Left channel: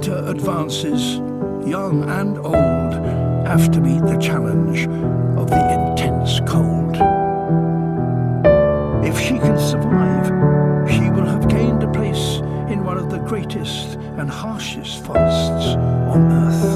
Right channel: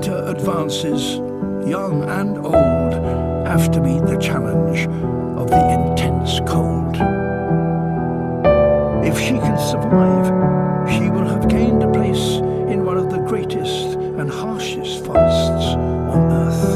winter advances, young and old have to meet the challenge of the intense cold. If she can survive, she will have gained a place in one of the greatest and harshest forests on Earth.